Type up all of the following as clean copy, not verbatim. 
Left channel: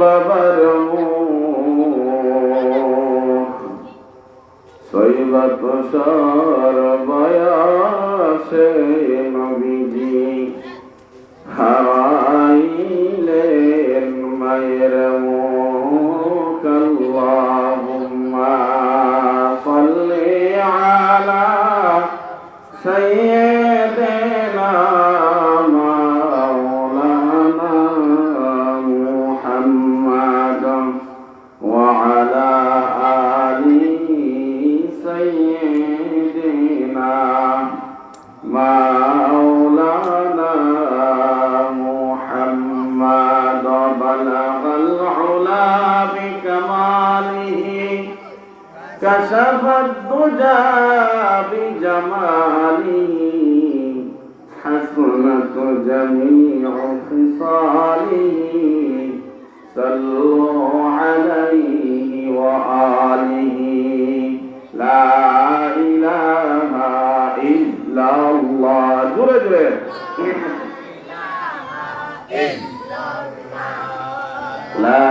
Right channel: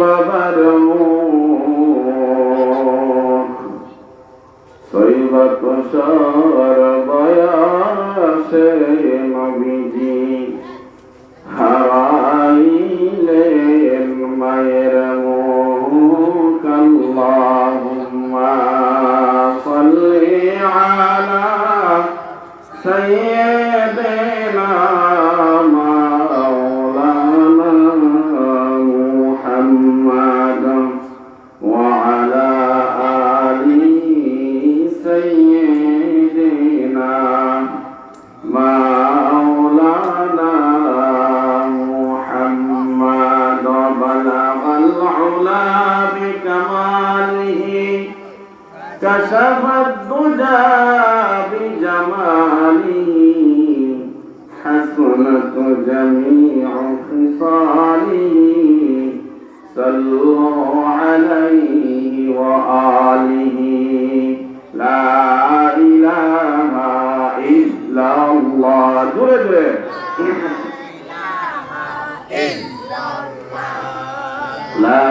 বাবার সৈবৎসর বয়সে নবীজি হারাইলেন মায়ের মুখ। আল্লাহুম্মা সাল্লি আলা সাইয়্যিদিনা كشف الدجى بجماله حسنت جميع خصاله صلوا عليه وآله لا إله إلا الله جرجر لا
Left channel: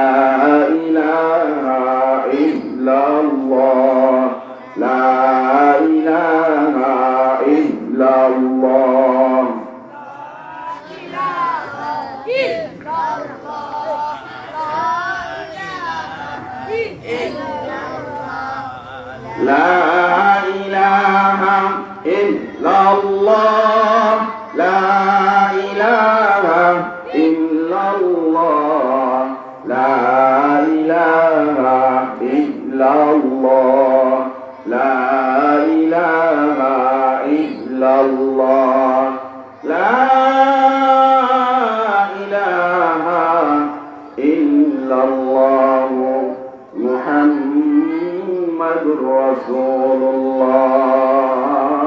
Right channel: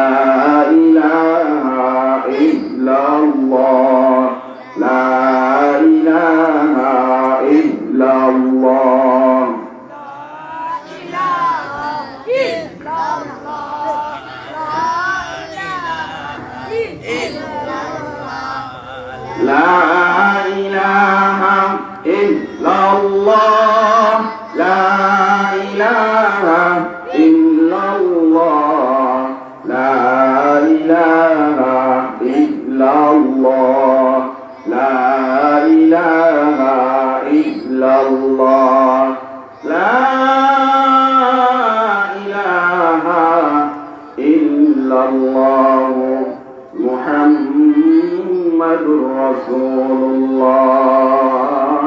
إله إلا الله لا إله إلا الله لا إله إلا الله لا إله إلا الله لا إله إلا الله لا إله إلا الله لا إله إلا الله محمد رسول الله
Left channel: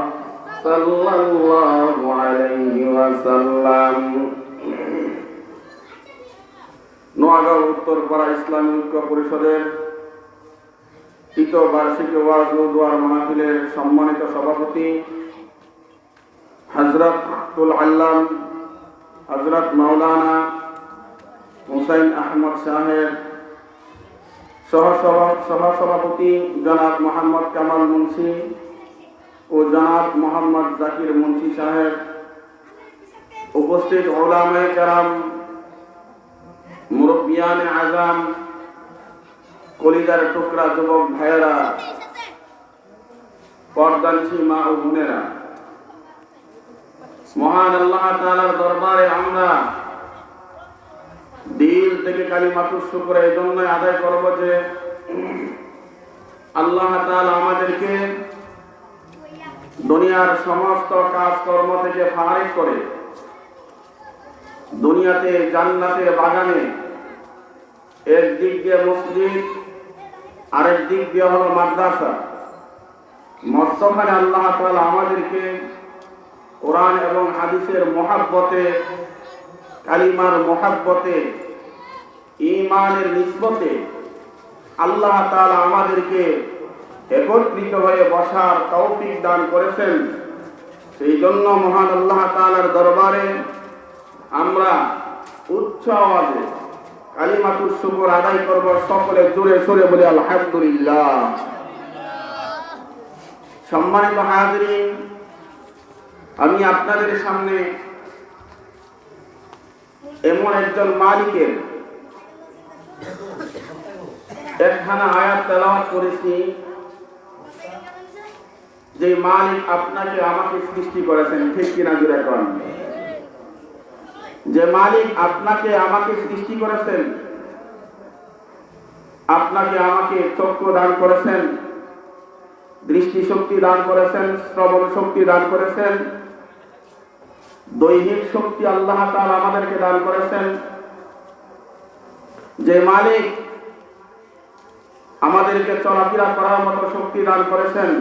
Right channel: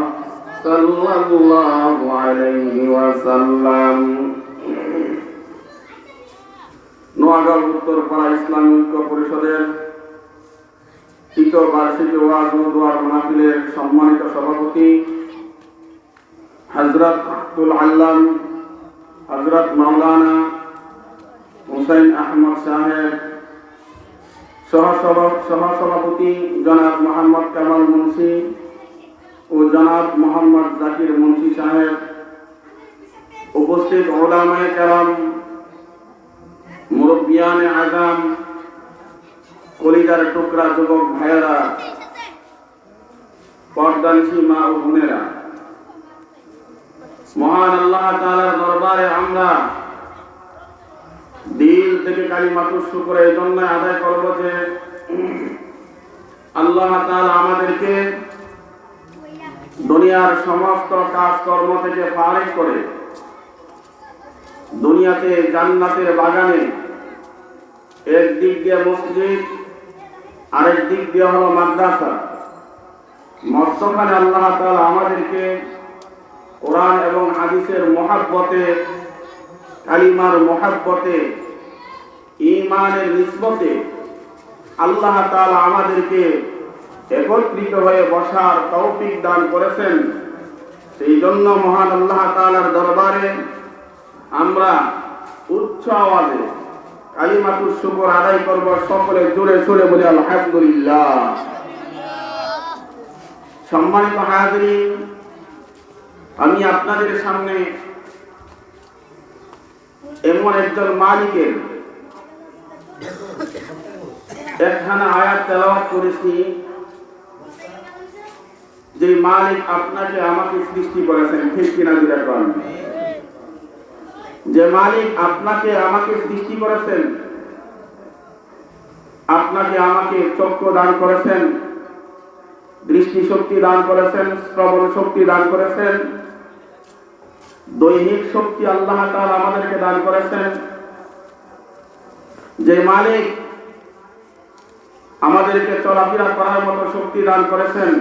صلى الله عليه وسلم। নোয়াগাঁও উত্তরপাড়া ইসলামী ঐক্য পরিষদের তৃতীয় বার্ষিকী ওয়াজ ও দোয়ার মাহফিলের সম্মানিত সভাপতি হযরত আব্দুল আল্লাম হযরত মাওলানা হুসাইন আহমদ সাহেব, সহসভাপতি জনাব মোহাম্মদ কামাল মুন্সি ও জনাব মোহাম্মদ জাকির মুন্সি সাহেব, উপস্থিত উলামায়ে কেরাম, মুরব্বিয়ানে আযম, কলিজার টুকরা যুবক ভাইয়েরা, পর্দানিশী মা ও বোনেরা, মহান আল্লাহ তাআলার দরবারে আমরা দিল থেকে কালিমাতুশ শুকর এই জন্য আদায় করব যে আল্লাহ তাআলা আমাদেরকে দুনিয়ার সমস্ত কাজকর্ম থেকে ফারিগ করে দুনিয়াতে জান্নাতের বাগানে এক দিক দিয়ে মসজিদ আরেক দিক দিয়ে হলো মাদ্রাসা, মধ্যখানে আল্লাহ তাআলা আমাদেরকে কোরআন এবং হাদিসের মহব্বতে, কালিমার মহব্বতে, ঈমানের নিসবতে আল্লাহ তাআলা আমাদেরকে একত্রিত হয়ে বসার তৌফিক দান করেছেন। সেই জন্য মহান আল্লাহ তাআলার দরবারে আমরা উচ্চ আওয়াজে কালিমাতুশ শুকর আদায় করব। সকলে জোরে সুরে বলি আলহামদুলিল্লাহ। সম্মানিত হাজিরিন, আমি আপনাদের সামনে এমন একজন মালিকের একখানা আয়াত তেলাওয়াত করেছি, যে মালিক আপনাকে আমাকে সৃষ্টি করেছেন। ঠিক কিনা জোরে বলুন? যে মালিক আপনাকে আমাকে সৃষ্টি করেছেন, আপনাকে আমাকে চক্ষু দান করেছেন, দৃষ্টি শক্তি দান করেছেন, শ্রবণ শক্তি দান করেছেন, দৈহিক শক্তি আল্লাহ তাআলা আমাদেরকে দান করেছেন। যে মালিক আমাদেরকে চলাফেরা করার মতো শক্তি দান করেছেন,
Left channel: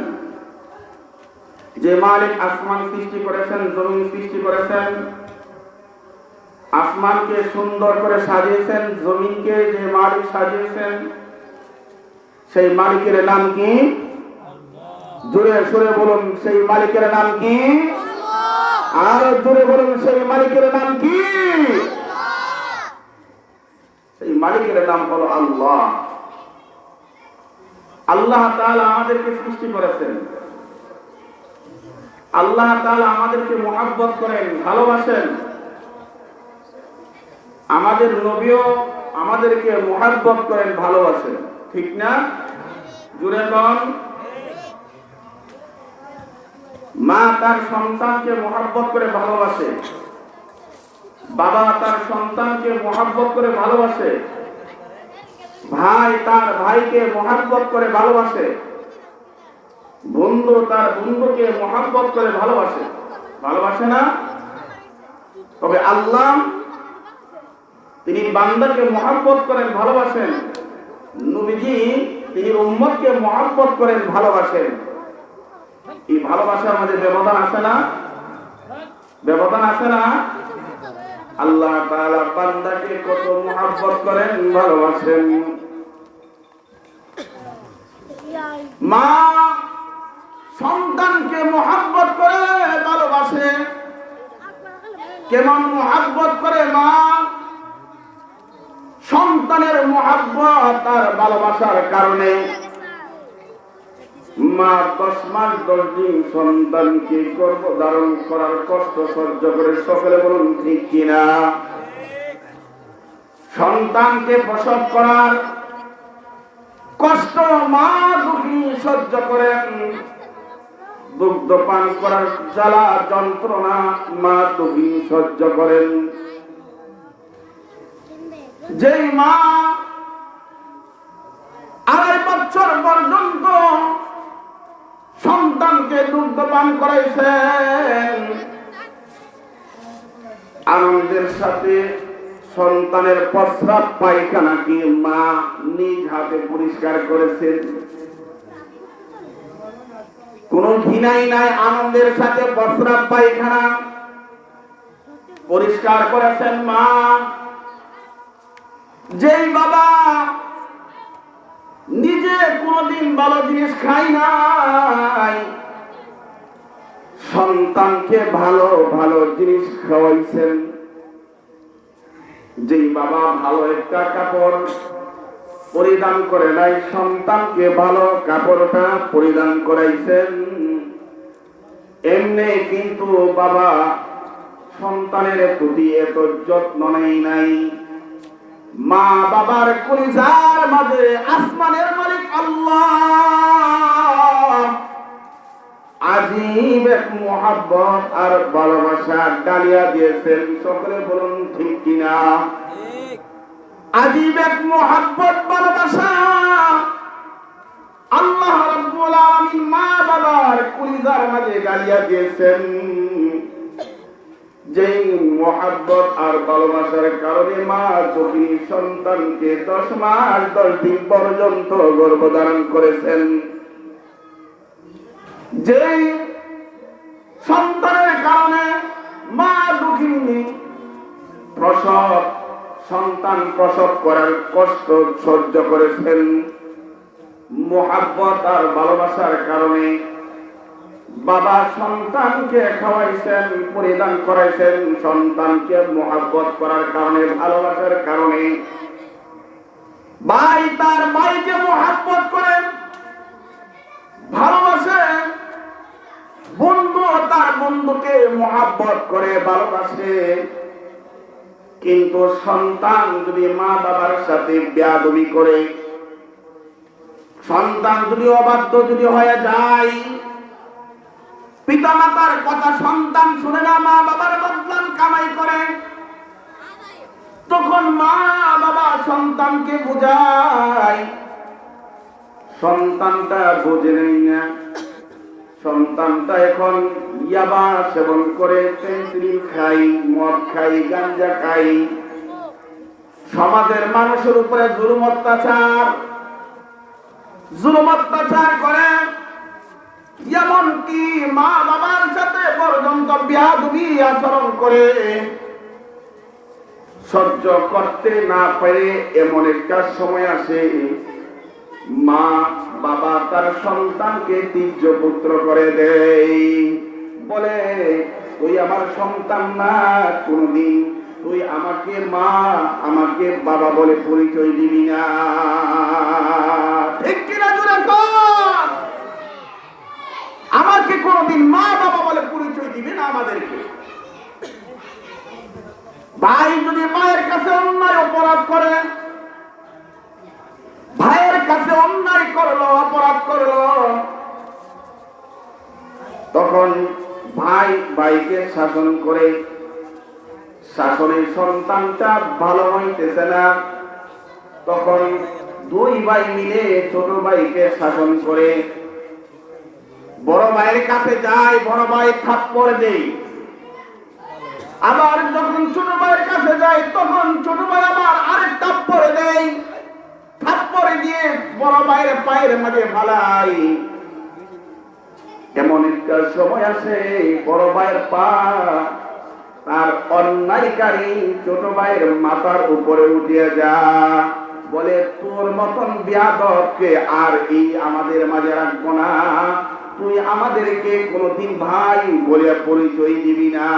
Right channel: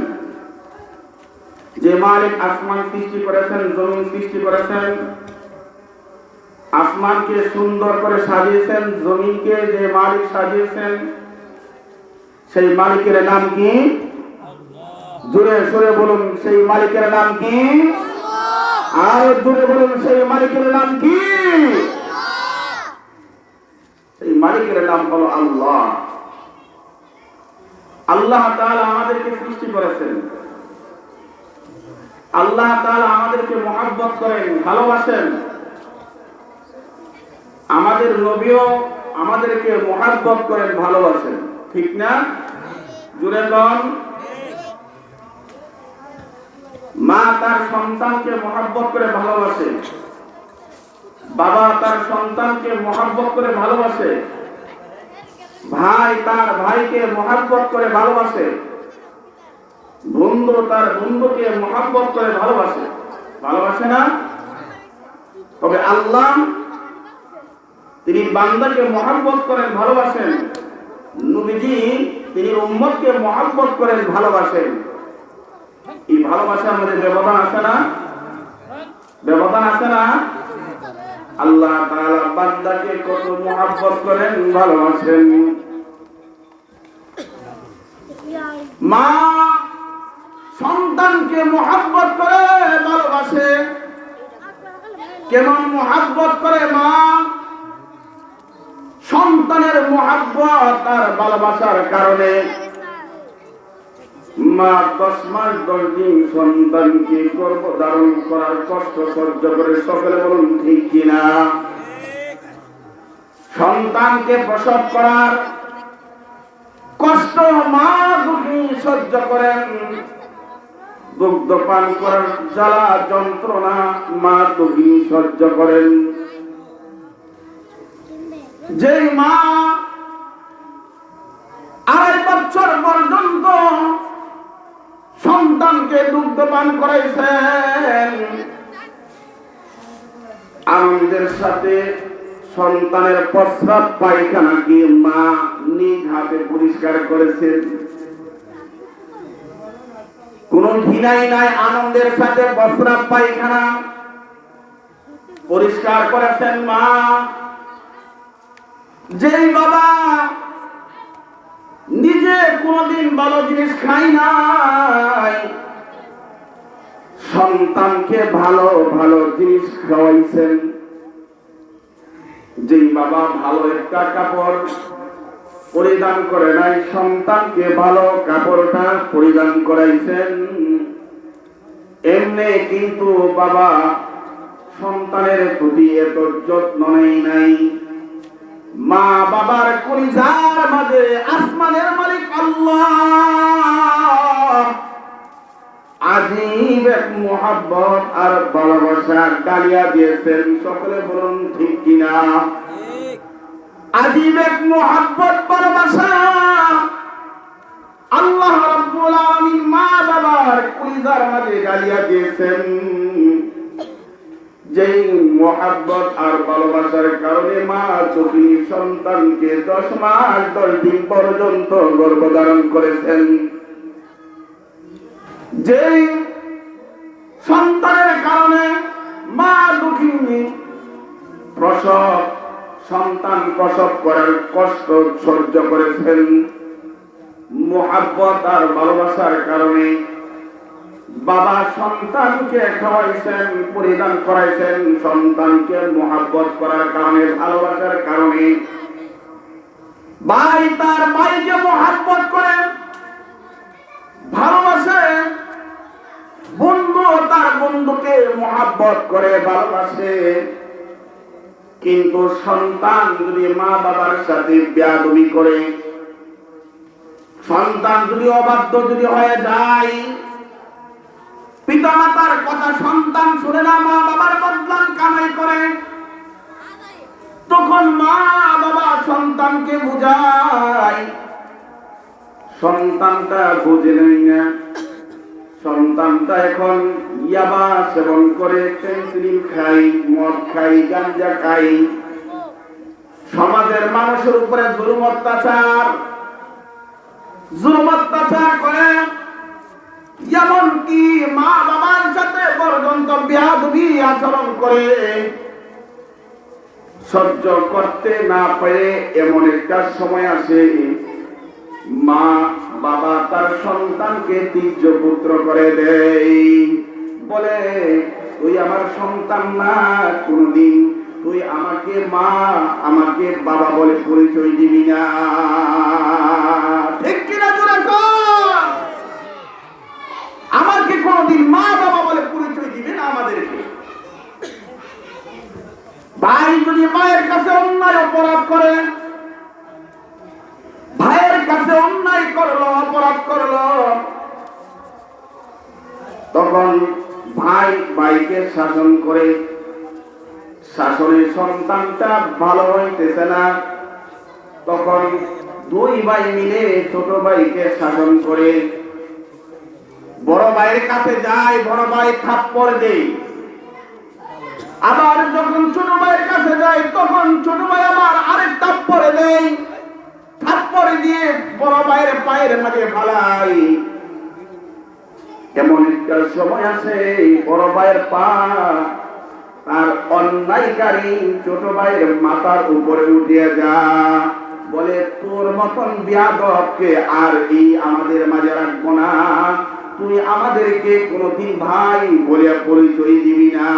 যে মালিক আসমান সৃষ্টি করেছেন, জমিন সৃষ্টি করেছেন, আসমানকে সুন্দর করে সাজিয়েছেন, জমিনকে যে মালিক সাজিয়েছেন সেই মালিকের নাম কি? জোরে সুরে বলুন, সেই মালিকের নাম কি? আর জোরে বলুন, সেই মালিকের নাম কি? মালিকের নাম হলো আল্লাহ। আল্লাহ তাআলা আমাদেরকে সৃষ্টি করেছেন, আল্লাহ তাআলা আমাদেরকে মহব্বত করেন, ভালোবাসেন। আমাদের নবীও আমাদেরকে মহব্বত করেন, ভালোবাসেন, ঠিক না? জুড়ে বল। মা তার সন্তানকে মহব্বত করে ভালোবাসে, বাবা তার সন্তানকে মহব্বত করে ভালোবাসে, ভাই তার ভাইকে মহব্বত করে ভালোবাসে, বন্ধু তার বন্ধুকে মহব্বত করে ভালোবাসে, ভালোবাসে না? তবে আল্লাহ তিনি বান্দাকে মহব্বত করেন, ভালোবাসেন। নবীজি তিনি উম্মতকে মহব্বত করেন, ভালোবাসেন। এই ভালোবাসার মধ্যে ব্যবধান আছে না? ব্যবধান আছে না? আল্লাহ তাআলা বান্দাকে কত মহব্বত করেন, ভালোবাসেন। মা সন্তানকে মহব্বত করে ভালোবাসে। কেমন মহব্বত করে মা? সন্তানের মহব্বত আর ভালোবাসার কারণে মা 10 মাস 10 দিন সন্তানকে গর্ভধারণ করার কষ্ট সহ্য করে, সকলে বলুন ঠিক কিনা? সন্তানকে প্রসব করার কষ্ট মা দুঃখী সহ্য করেন, দুগ্ধ পান করার জ্বালা যন্ত্রণা মা দুঃখী সহ্য করেন। যেই মা 2.5 বছর পর্যন্ত সন্তানকে দুগ্ধ পান করাইছেন, আনন্দের সাথে সন্তানের প্রস্রাব পায়খানা কি মা নিজ হাতে পরিষ্কার করেছেন? কোন ঘৃণাই নাই, আনন্দের সাথে প্রস্রাব পায়খানা পরিষ্কার করেছেন মা। যেই বাবা নিজে কোনদিন ভালো জিনিস খাই নাই, সন্তানকে ভালো ভালো জিনিস খাওয়াইছেন। যেই বাবা ভালো একটা কাপড় পরিধান করে নাই, সন্তানকে ভালো কাপড়টা পরিধান করাইছেন। এমনি কিন্তু বাবা সন্তানের প্রতি এত যত্ন নেই নাই। মা বাবার কলিজার মাঝে আসমানের মালিক আল্লাহ আজীব এক মহব্বত আর ভালোবাসা ডালিয়া দিয়েছেন, সকলে বলুন ঠিক কিনা? আজীব এক মহব্বত ভালোবাসা আল্লাহ রাব্বুল আলামিন মা বাবার কলিজার মাঝে ডালিয়া দিয়েছেন। যেই মহব্বত আর ভালোবাসার কারণে মা দুঃখী সন্তানকে 10 মাস 10 দিন পর্যন্ত গর্ভধারণ করেছেন। যেই সন্তানের কারণে মা দুঃখী সন্তান প্রসব করার কষ্ট সহ্য করেছেন। মহব্বত আর ভালোবাসার কারণে বাবা সন্তানকে খাওয়াইছেন, পরিধান করাইছেন। সন্তানকে মহব্বত করার কারণে, ভালোবাসার কারণে ভাই তার ভাইকে মহব্বত করে ভালোবাসে, বন্ধু তার বন্ধুকে মহব্বত করে ভালোবাসে। কিন্তু সন্তান যদি মা বাবার সাথে বেয়াদবি করে, সন্তান যদি অবাধ্য যদি হয়ে যায়, পিতা মাতার কথা সন্তান শুনে না, মা বাবার বদনাম কামাই করে, তখন মা বাবা সন্তানকে বোঝায়, সন্তানটা বোঝে নেই না। সন্তানটা এখন ইয়াবা সেবন করে, পেন্সিল খাই, মদ খাই, গাঁজা খাই, সমাজের মানুষের উপরে জুলুম অত্যাচার করে, এমনকি মা বাবার সাথে পর্যন্ত বেয়াদবি আচরণ করে। সহ্য করতে না পারে এমন একটা সময় আসে, মা বাবা তার সন্তানকে তীর্য পুত্র করে দেয়, বলে তুই আমার সন্তান না, কোনদিন তুই আমাকে মা আমাকে বাবা বলে পরিচয় দিবি না। ঠিক কিনা জোরে কর। আমাকে কোনদিন মা বাবা বলে পরিচয় দিবি না আমাদেরকে। ভাই যদি মায়ের কাছে অন্যায় অপরাধ করে, ভাইয়ের কাছে অন্যায় করলো অপরাধ করলো, তখন ভাই ভাইকে শাসন করে, শাসনের সন্তানটা ভালো হইতেছে না, তখন দুই ভাই মিলে ছোট ভাইকে শাসন করে। বড় ভাইয়ের কাছে যায়, বড় ভাই থাপ্পড় দেয়। আবার যখন ছোট ভাইয়ের কাছে যায় তখন ছোট ভাই আবার আরেক থাপ্পড় দেয়। থাপ্পড় দিয়ে বড় ভাইয়ের পায়ের মাঝে ফালাই। এমন একটা সময় আছে বড় ভাইয়ের পা তার অন্যায়কারী ছোট ভাইয়ের মাথার উপরে উঠিয়া যা, বলে তোর মতন বেয়াদবকে আর এই আমাদের মাঝে রাখবো না, তুই আমাদেরকে কোনদিন ভাই বলে পরিচয় দিবি না।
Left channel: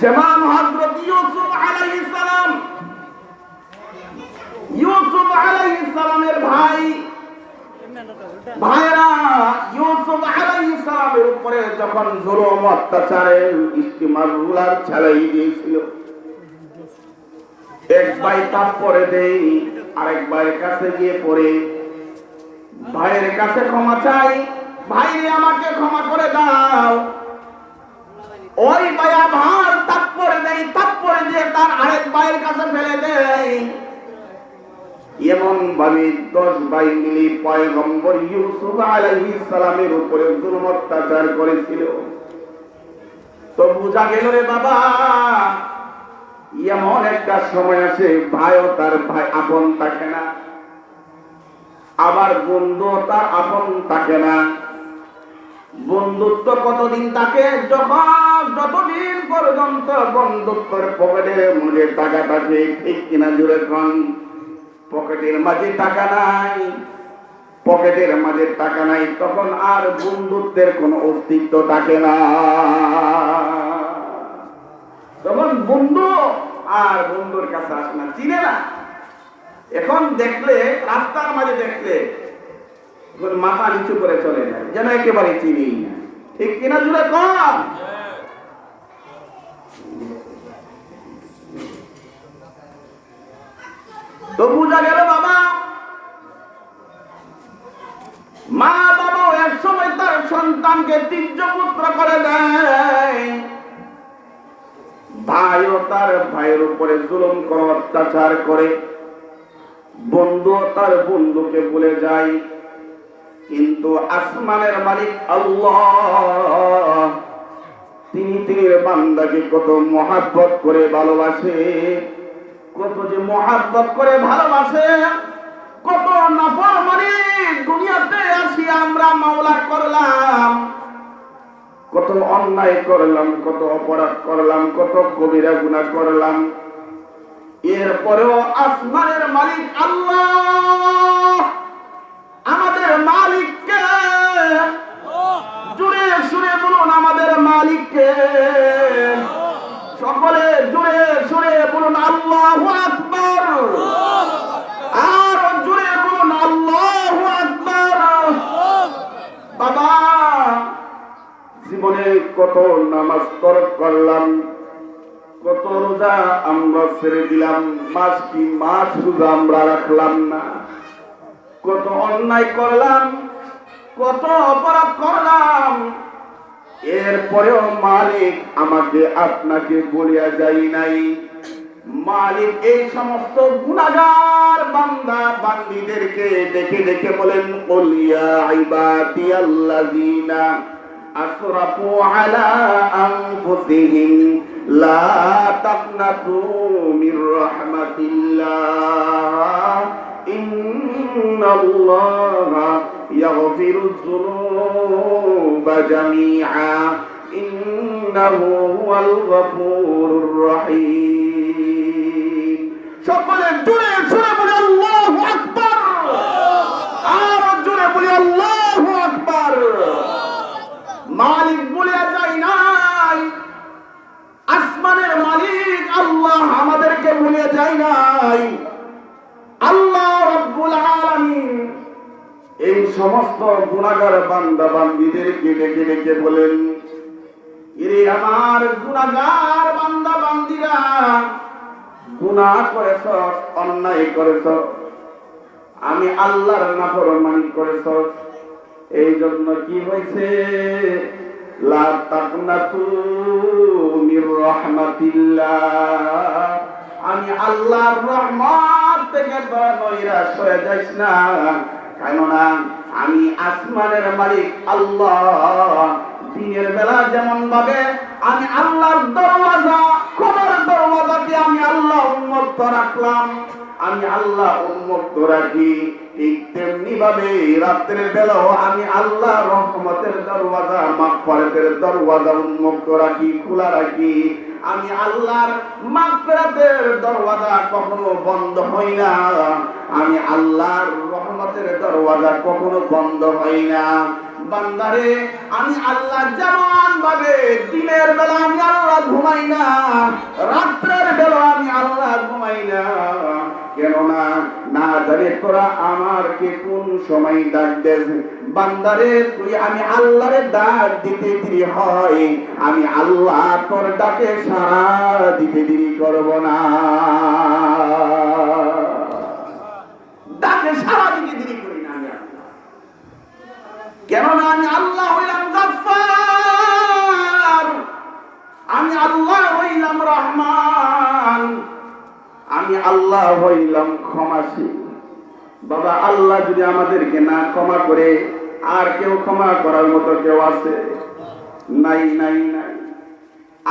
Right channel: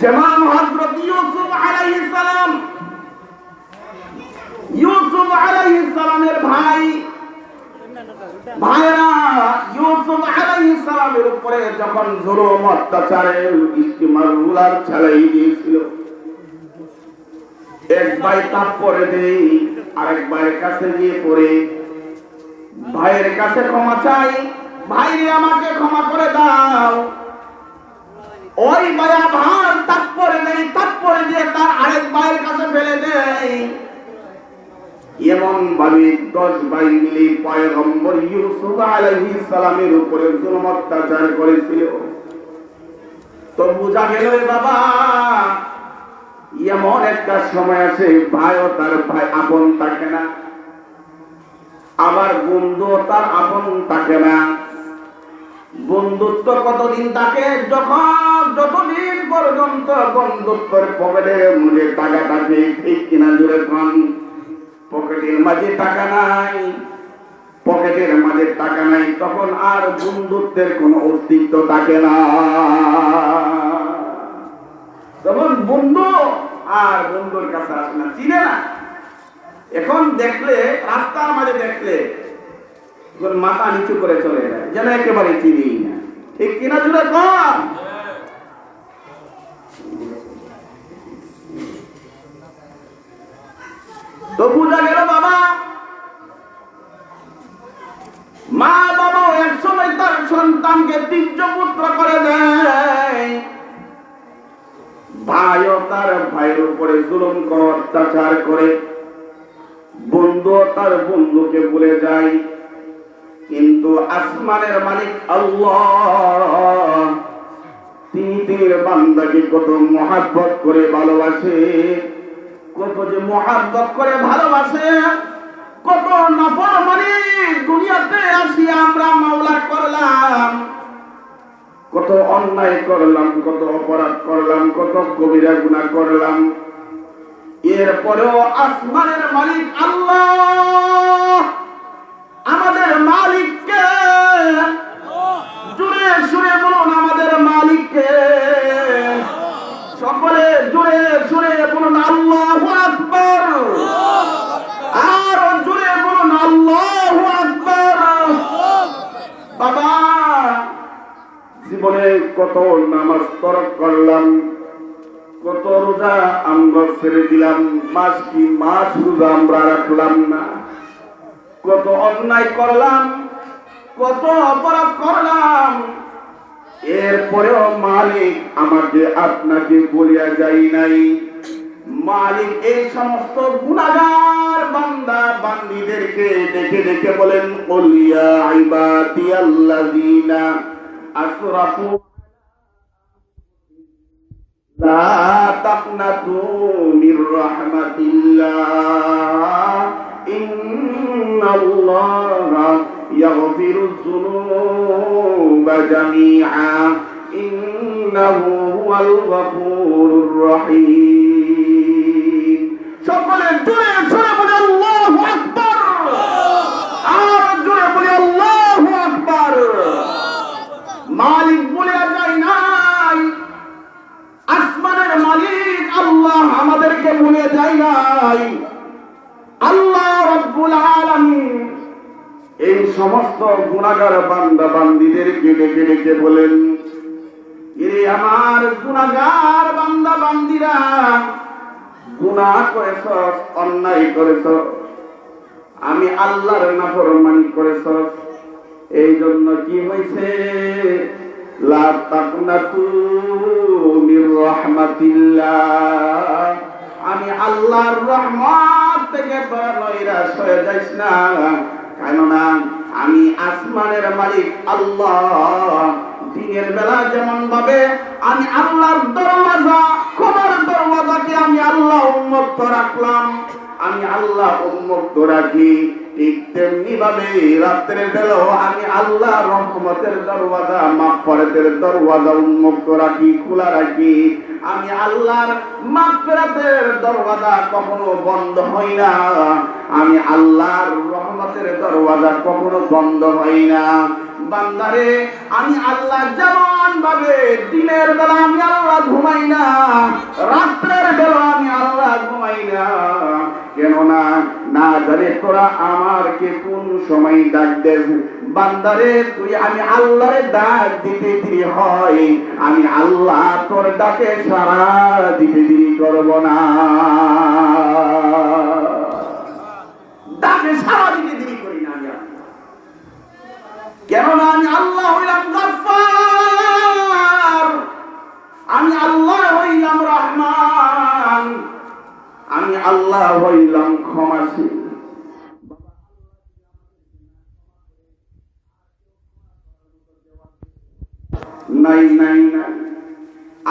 যেমন হযরত ইউসুফ আলাইহিস সালাম, ইউসুফ আলাইহিস সালামের ভাই ভাইরা ইউসুফ আলাইহিস সালামের উপরে যখন জুলুম অত্যাচারের ইস্তেমাল রুলার চালাই দিয়েছিল, এক ভাই তারপরে দেই, আরেক ভাইয়ের কাছে গিয়ে পড়ে ভাইয়ের কাছে ক্ষমা চাই, ভাই আমাকে ক্ষমা করে দাও। ওই ভাই আবার তারপরে দেই, তারপরে দিয়ে তার আরেক ভাইয়ের কাছে ফেলে দেয়। এমন ভাবে 10 ভাই মিলে পয়গম্বর ইউসুফ আলাইহিস সালামের উপরে জুলুম অত্যাচার করেছিল। তো বুঝা গেল রে বাবা, এমন একটা সময় আসে ভাইও তার ভাই আপন থাকে না, আবার বন্ধু তার আপন থাকে না। বন্ধুত্ব কতদিন থাকে? যতদিন পর্যন্ত বন্ধুত্বের পকেটের মধ্যে টাকা থাকে। ঠিক কিনা জোরে কোন? পকেটের মাঝে টাকা নাই, পকেটের মাঝে টাকা নাই, তখন আর বন্ধুত্বের কোনো অস্তিত্ব থাকে না। তখন বন্ধু আর বন্ধুর কাছে আসে না, চিনে না। এখন দেখলে রাস্তার মাঝে দেখলে মাথা নিচু করে চলে যায়, যেন একেবারে চিনি না। ঠিক কিনা জুড়ে কম? তো বুঝা গেল বাবা, মা বাবা এক সময় তার সন্তানকে তীর্য পুত্র করে দেয়। ভাইও তার ভাইয়ের উপরে জুলুম করে অত্যাচার করে, বন্ধু তার বন্ধুকে ভুলে যায়। কিন্তু আসমানের মালিক আল্লাহ তিনি বান্দাকে কত মহব্বত করে ভালোবাসে, কত যে মহব্বত করে ভালোবাসে, কত নাফরমানি দুনিয়াতে আসি আমরা মাওলা করলাম, কত অন্যায় করলাম, কত অপরাধ করলাম, কত কবিরা গুনাহ করলাম। এরপরেও আসমানের মালিক আল্লাহ আমাদের মালিককে, জুড়ে সুরে বলুন আমাদের মালিককে, সকলে জুড়ে সুরে বলুন আল্লাহু আকবার, আর জুড়ে বলুন আল্লাহু আকবার। বাবা জীবনে কত নামাজ তরক করলাম, কত রোজা আমরা ছেড়ে দিলাম, মাস কি মাস রোজা আমরা রাখলাম না, কত অন্যায় করলাম, কত অপরাধ করলাম। এরপরেও মালিক আমাকে আপনাকে বলিয়া যাই নাই। মালিক এই সমস্ত গুনাহগার বান্দা বান্দীদেরকে দেখে দেখে বলেন, কুল ইয়া ইবাদিয়াল্লাযীনা আসরাফু আলা আনফুসিহিম লা তাকনাতু মির রাহমাতিল্লাহ ইন্নাল্লাহা ইয়াগফিরুয যুনুবা জামিআ ইন্নাহু হুয়াল গফুরুর রহিম। সকলে জোরে জোরে বলি আল্লাহু আকবার, আর জোরে বলি আল্লাহু আকবার। মালিক বলে যায় নাই, ভুলে যাই নাই। আল্লাহ রাব্বুল আলামিন এই সমস্ত গুনাহগার বান্দা বান্দীদেরকে ডেকে ডেকে বলেন, এ আমার গুনাহগার বান্দা বান্দীরা, গুনাহ করেছ, অন্যায় করেছ, আমি আল্লাহর নাফরমানি করেছ, এই জন্য কি হয়েছে, লা তাকনাতু মির রাহমাতিল্লাহ, আমি আল্লাহর রহমত থেকে নৈরাশ হয়ে যাইস না, কেননা আমি আসমানের মালিক আল্লাহ। দিনের বেলা যেমন ভাবে আমি আল্লাহর দরওয়াজা, ক্ষমার দরওয়াজাকে আমি আল্লাহ উন্মুক্ত রাখলাম, আমি আল্লাহ উন্মুক্ত রাখি, ঠিক তেমনি ভাবে রাত্রের বেলাও আমি আল্লাহ রহমতের দরওয়াজা, মাগফিরাতের দরওয়াজা উন্মুক্ত রাখি, খোলা রাখি। আমি আল্লাহর মাগফিরাতের দরওয়াজা কখনো বন্ধ হয় না, আমি আল্লাহর রহমতের দরওয়াজা কখনো বন্ধ হয় না। বান্দারে, আমি আল্লাহ যেমন ভাবে দিনের বেলা আমি আল্লাহ ঘুমাই না, রাত্রের বেলা আমি আল্লাহ ঘুমাই না, কেননা না জানে তোরা আমারকে কোন সময় ডাক দেস। বান্দারে, তুই আমি আল্লাহরে ডাক দিতে দেরি হয়, আমি আল্লাহ তোর ডাকে সাড়া দিতে দেরি করব না, ডাকে সাড়া দিতে দেরি করি না। কেননা আমি আল্লাহ হইলাম গফফার, আমি আল্লাহ হইলাম রহমান, আমি আল্লাহ হইলাম ক্ষমাশীল। বাবা, আল্লাহ যদি আমাদেরকে না ক্ষমা করে, আর কেউ ক্ষমা করার মতো কেউ আছে? নাই, নাই, নাই।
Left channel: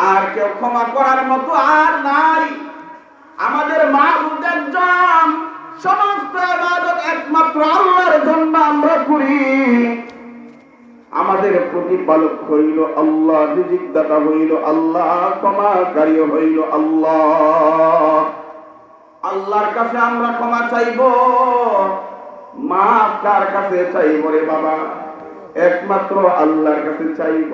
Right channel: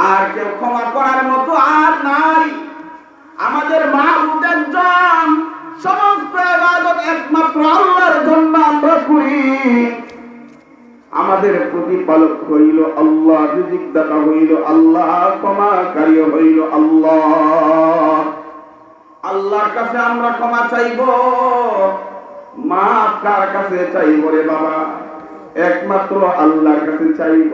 আর কেউ ক্ষমা করার মতো আর নাই। আমাদের মাহবুব একজন, সমস্ত ইবাদত একমাত্র আল্লাহর জন্য আমরা করি। আমাদের প্রতিপালক হইল আল্লাহ, রিজিক দাতা হইল আল্লাহ, ক্ষমাকারী হইল আল্লাহ। আল্লাহর কাছে আমরা ক্ষমা চাইব, মাফ কার কাছে চাইব রে বাবা? একমাত্র আল্লাহর কাছে চাইব।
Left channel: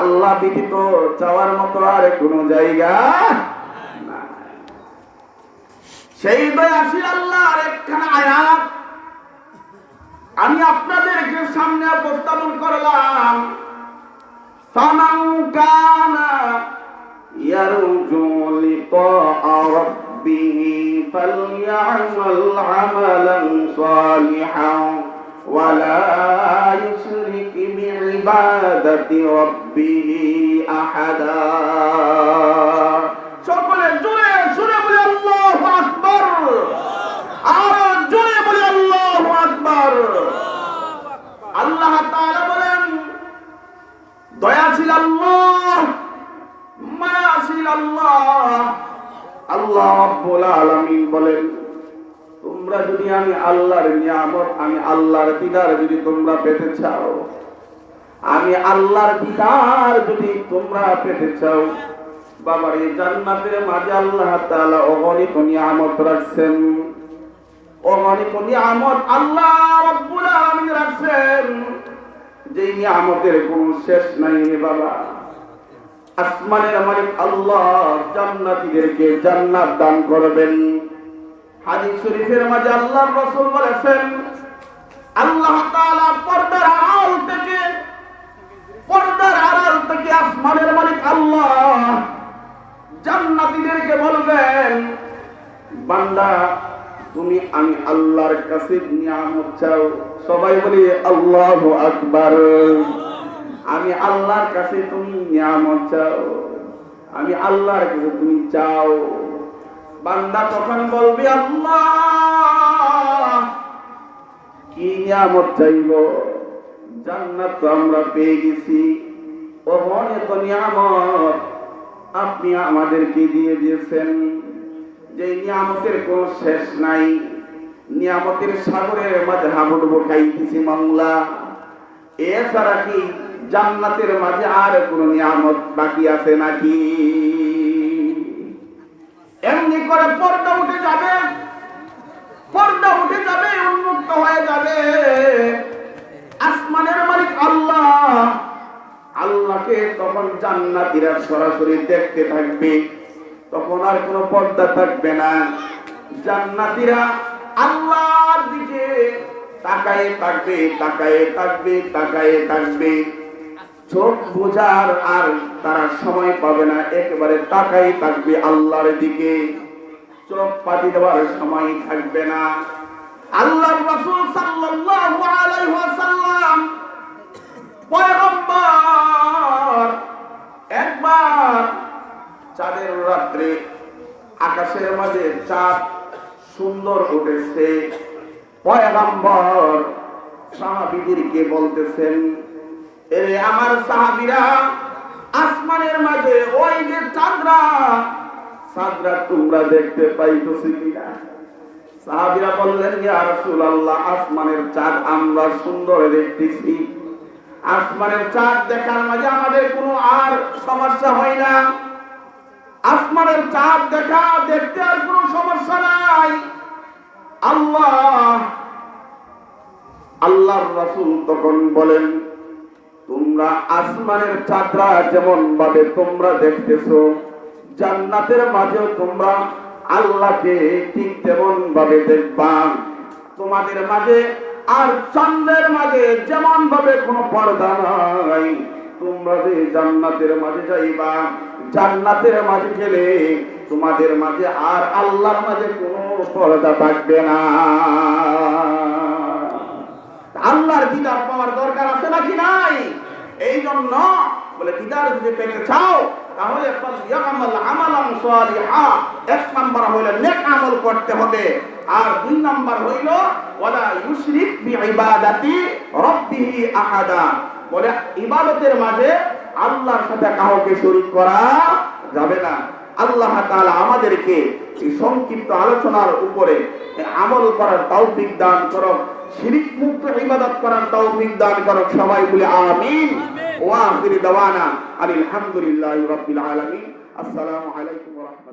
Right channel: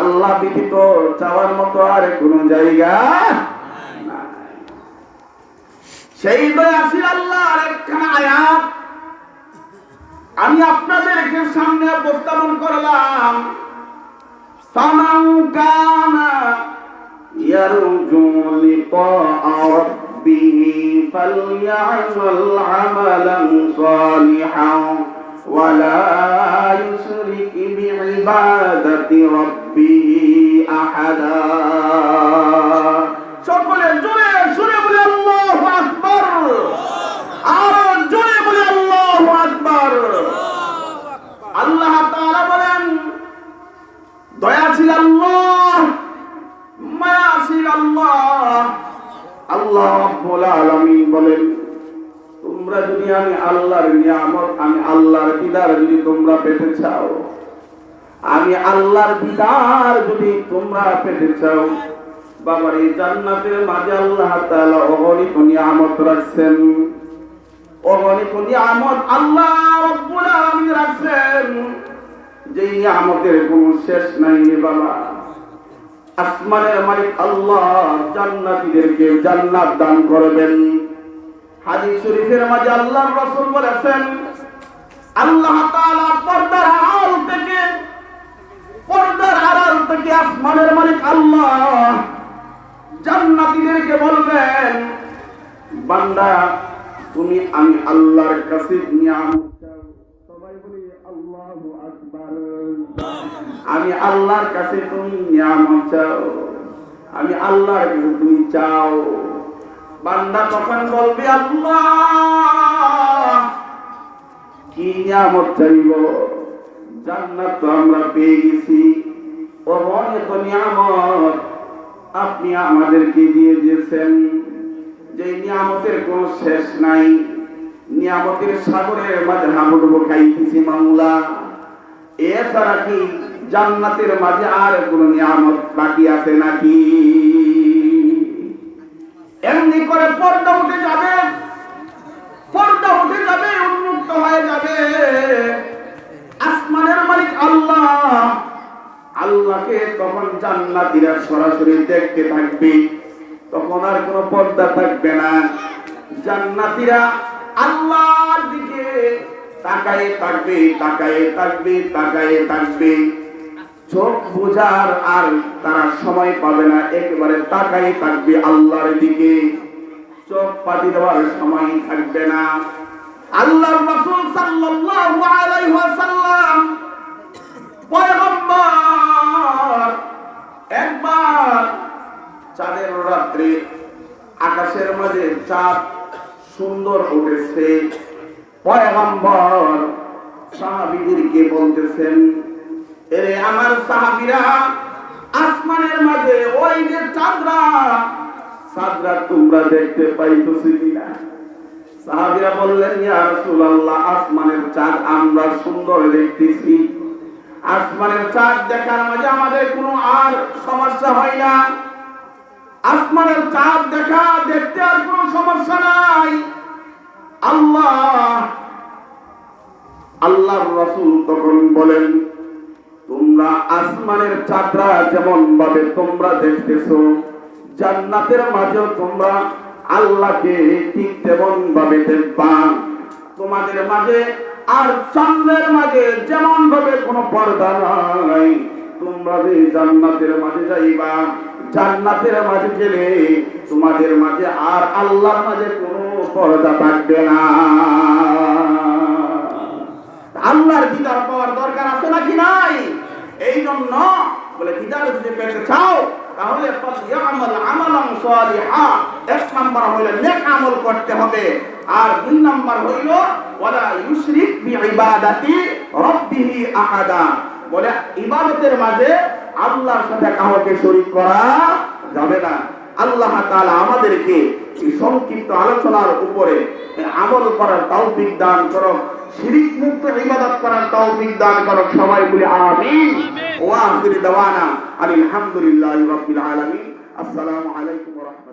আল্লাহ ব্যতীত চাওয়ার মতো আর কোন জায়গা নাই। সেই দয়াশীল আল্লাহর একখানা আয়াত আমি আপনাদেরকে সামনে উপস্থাপন করলাম। ফামান কানা ইয়ারজু লিকা রাব্বিহি ফালইআমাল আমালান সালিহান ওয়া লা ইউশরিক বিইবাদাতি রাব্বিহি আহাদা। সকলে জোরে জোরে বলে আল্লাহু আকবার, আর জোরে বলে আল্লাহু আকবার। আল্লাহ তাআলা বলেন, দয়াশীল আল্লাহ, মায়াশীল আল্লাহ। আল্লাহ রাব্বুল আলামিন বলেন, তোমরা যদি আমি আল্লাহর নিয়ামত, আমি আল্লাহর দিদার যদি তোমরা পেতে চাও, আমি আল্লাহর দিদার যদি তোমরা পেতে চাও, বাবার এই জান্নাতের মাঝে আল্লাহ তাআলা অগণিত নিয়ামত রাখছেন। অগণিত নিয়ামত আল্লাহ রাব্বুল আলামিন রাখছেন, যে নিয়ামতের কোনো শেষ নাই রে বাবা। আসমানের মালিক আল্লাহ জান্নাতীদেরকে জান্নাত দান করবেন। হাদিস শরীফের মাঝে আল্লাহর রাসূল বলেছেন, আল্লাহ তাআলা পর্দার আড়াল থেকে আসমানের মালিক আল্লাহ জান্নাতীদেরকে বলবেন, বান্দা তুমি আমি আল্লাহর কাছে নিয়ামত চাও। সবাই বলি আল্লাহু আকবার। আমি আল্লাহর কাছে তুমি নিয়ামত চাও, আমি আল্লাহর কাছে তুমি চাও। বান্দা তখন বলবে, আল্লাহ কি নিয়ামত চাইব? জান্নাত তো আমরা পেয়ে গেছি, অনেক নিয়ামত আপনি আমাদেরকে দিয়ে দিয়েছেন, যে নিয়ামতের কোনো শেষ নাই। নিয়ামতের সাগরের মাঝে হাবুডুবু খাইতেছি মাওলা। এছাড়া কি জান্নাতের মাঝে আর কোন নিয়ামত বাকি আছে নাকি? এমনি করে পর্দা উঠে যাবে, পর্দা উঠে যাবে, উন্মুক্ত হয়ে যাবে। আসমানের মালিক আল্লাহ, আল্লাহকে তখন জান্নাতীরা সরাসরি দেখতে থাকবে। তখন আর কোনো পর্দা থাকবে না। জান্নাতীরা আল্লাহর দিকে তাকায়ে থাকবে, তাকায়ে থাকবে, তাকায়ে থাকবে। চোখ বোঝার আর তারা সময় পাবে না, একেবারে তাকায়ে থাকবে আল্লাহর দিকে, চোখ পাতি দেওয়ার সময় থাকবে না। আল্লাহর রাসূল সাল্লাল্লাহু আলাইহি ওয়াসাল্লাম পয়গম্বর একবার চাঁদের রাত্রে আকাশের মাঝে চাঁদ সুন্দর উঠেছে। পয়গম্বর সাহাবীদেরকে বলতেছেন, এরে আমার সাহাবীরা, আসমানের মাঝে ওই যে চাঁদরা তোমরা দেখতে পাইতেছি কিনা? সাহাবীরা বললেন, ইয়া রাসূলুল্লাহ, আসমানের চাঁদ আমরা সুন্দর দেখতেছি। আসমানের চাঁদ দেখার মাঝে আমাদের কোনো আর সমস্যা হয় না। আসমানের চাঁদ দেখতে আর কোনো সমস্যা নাই। আল্লাহর রাসূল তখন বলেন, তোমরা আসমানের চাঁদরা যেমন ভাবে তোমরা দেখতেছো, জান্নাতের মাঝেও তোমরা আল্লাহকে ঠিক তেমন ভাবে দেখবা। তোমাদের মাঝে আর চাঁদের মাঝে যেমন ভাবে কোনো পর্দা নাই, তোমরা যে জান্নাতের মাঝে যাইবা, জান্নাতের মাঝে গেলে তোমাদের মাঝে আর আল্লাহর মাঝে কোনো পর্দা থাকবে না। আল্লাহর দিদার পাওয়ার দরকার আছে নাকি নাই? এই জন্য বলে দিদার যদি পেতে চাও তাহলে এক নাম্বার হইল নেক আমল করতে হবে, আর দুই নাম্বার হইল ওয়ালা ইউশরিক বিইবাদাতি রাব্বিহি আহাদা, বলে ইবাদতের মাঝে আল্লাহর সাথে কাউকে শরীক করা যাবে না। আল্লাহ তাআলা আমাদেরকে এই সংক্ষিপ্ত আলোচনার উপরে আমল করার তৌফিক দান করুন, শিরক মুক্ত ইবাদত করার তৌফিক দান করুন। সবাই বলি আমিন। ওয়া আখির দাওয়ানা আলহামদুলিল্লাহি রাব্বিল আলামিন। আসসালামু আলাইকুম ওয়া রাহমাতুল্লাহ।